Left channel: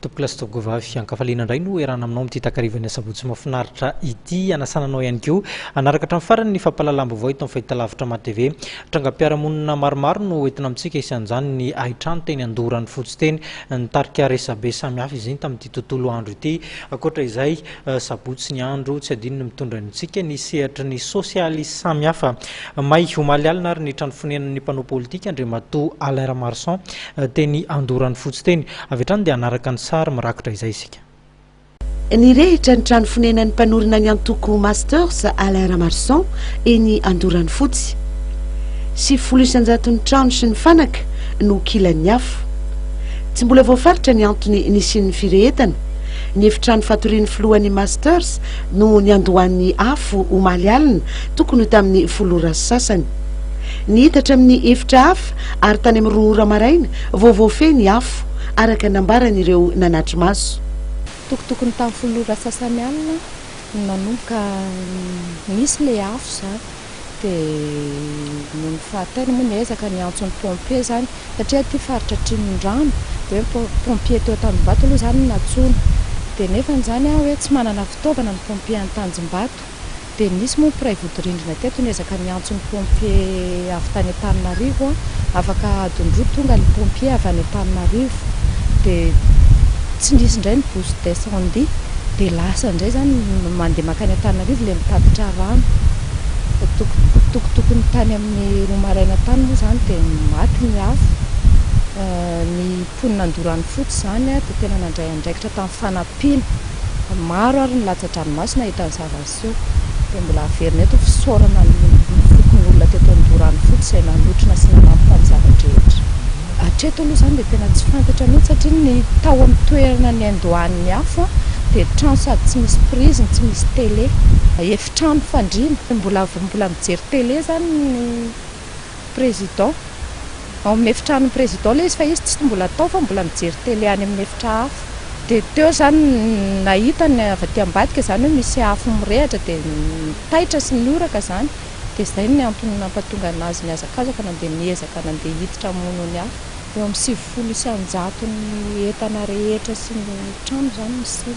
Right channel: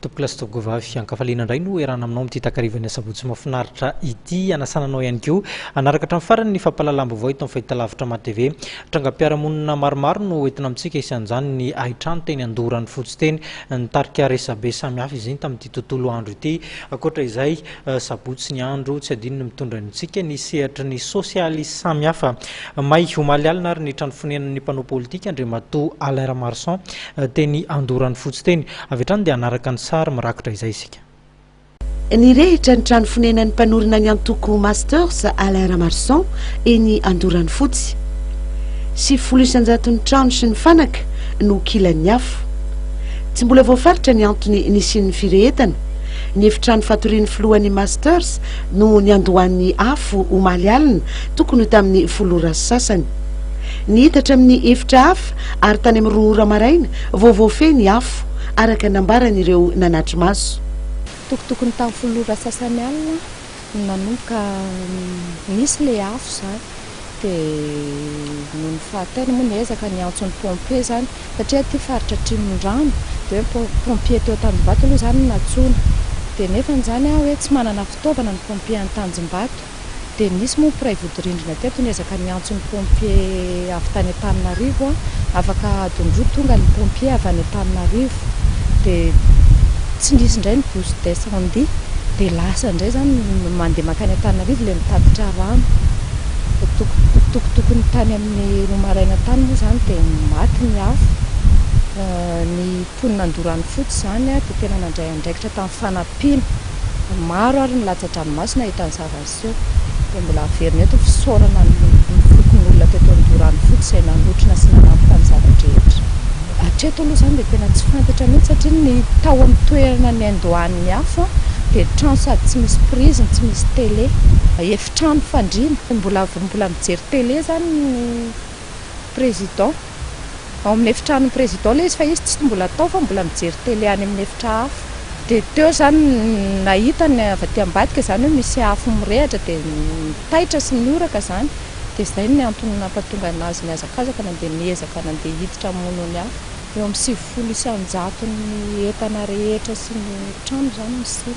Topilastovy ankafaliana indray no erana aminao amin'ity takarivany asabotsy mahafinaritra ity anasananao ihany koa anaraka hatramin'ny farany ny fampalalam-baovao eto amin'ny fahitalavitra ma-TV trangam-piarahamonina maromaro no entina amintsika isan'izany ny ahitrano teny Andorany fotsy teny nitarika resabe samihafa izy iny tamin'ity tontolo andro ity akoatra izay sabotsy ny andro tsy adinony mitondra antsika ny sehatra ny sosialisy samihafa may omaly alina ary ny trano fonenan'ny mpanao politika andriamatoa Alain Ramaroson teny Andorany fotsy teny avy hatrany dia anaraka ny sary mirakitra izay isika. Ny rehitra ny trano fonenan'ny mpanorina ny antoko masters Alain Ramaroson eny Andorany fotsy sy 900 trano sy ny fanaka no kilan'ny afo. Tsy mbola voafaritra ny antony nisian'ny firehetana ny efitrano fatorian'ny filohan'ny masters no ny andohan'ny afo omaly alina tokony tamin'ny folora sasany ny hitatra amin'ny efitra hafa ary tany amin'ny roa maraina voavoafeny afo araka nambaran'ireo nanatry maso. Tokotokony tamin'ny folora sasany alina nanomboka nisy le afo zany dia no fahatany moa niezaka ny antson'ny pompier zany satria ty faritra Trimondrano dia pompier teo Tanjombato aloha zany natsoina dia nefa zany hoe tsy manana fitaovana ny pompier any Tanjombato dia nisy moa mpiray vodorindrina teto niezaka ny antson'ny pompier avy tany Antananarivo afaka adondroa tonga ny pompier avy any Antananarivo dia tsy nisy indray ny bouche d'incendie dia lasa indray zany mandeha makany Antananarivo le mitatitra rano. Tokotokony tany amin'ny roa maraina tany moa zany dia maty ny afo. Ny mponina Andorany fotsy zany dia tena nandray andraikitra tamin'ny fanampiana maro ary ny latsa-dranomasina hitan'ny zava-seho dia mbola averina eto fisaorana ny fokony olona teto Andorany fotsy izay nanotrona sy nanampy ny zavatra-drehetra. Hatreto aloha zany dia tena tsy fantatra mihitsy satria ny tao amin'ny toerana ny andohan'ny afo dia trano sady tsy misy prise tsy misy télé efitrano fandriana mbola mijery télé zany ny président ao amin'ny efitrano président ilay izy fa izy tsy mbola tao fa mbola mijery télé any amin'ny efitra hafa dia teo zany nahita ny avy aty ambadika zany hoe misy afo mirehatra dia taitra sy nioraka zany dia izay ny antony nampatonga anazy ny azakazaka nandeha niezaka nandeha hiditra mono ny afo eo amin'ny 700 ny entana rehetra sy ny trano zany misy.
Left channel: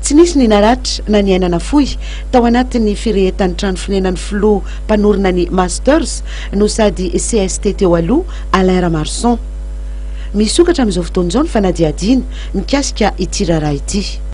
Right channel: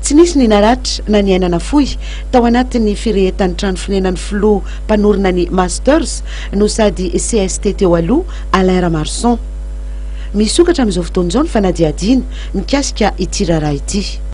Tsy nisy ny naratra na ny ainana fohy tao anatin'ny firehetan'ny trano fonenan'ny filoha mpanorina ny masters no sady CST teo aloha Alain Ramaroson misokatra amin'izao fotoana izao ny fanadihadiana mikasika ity raharaha ity.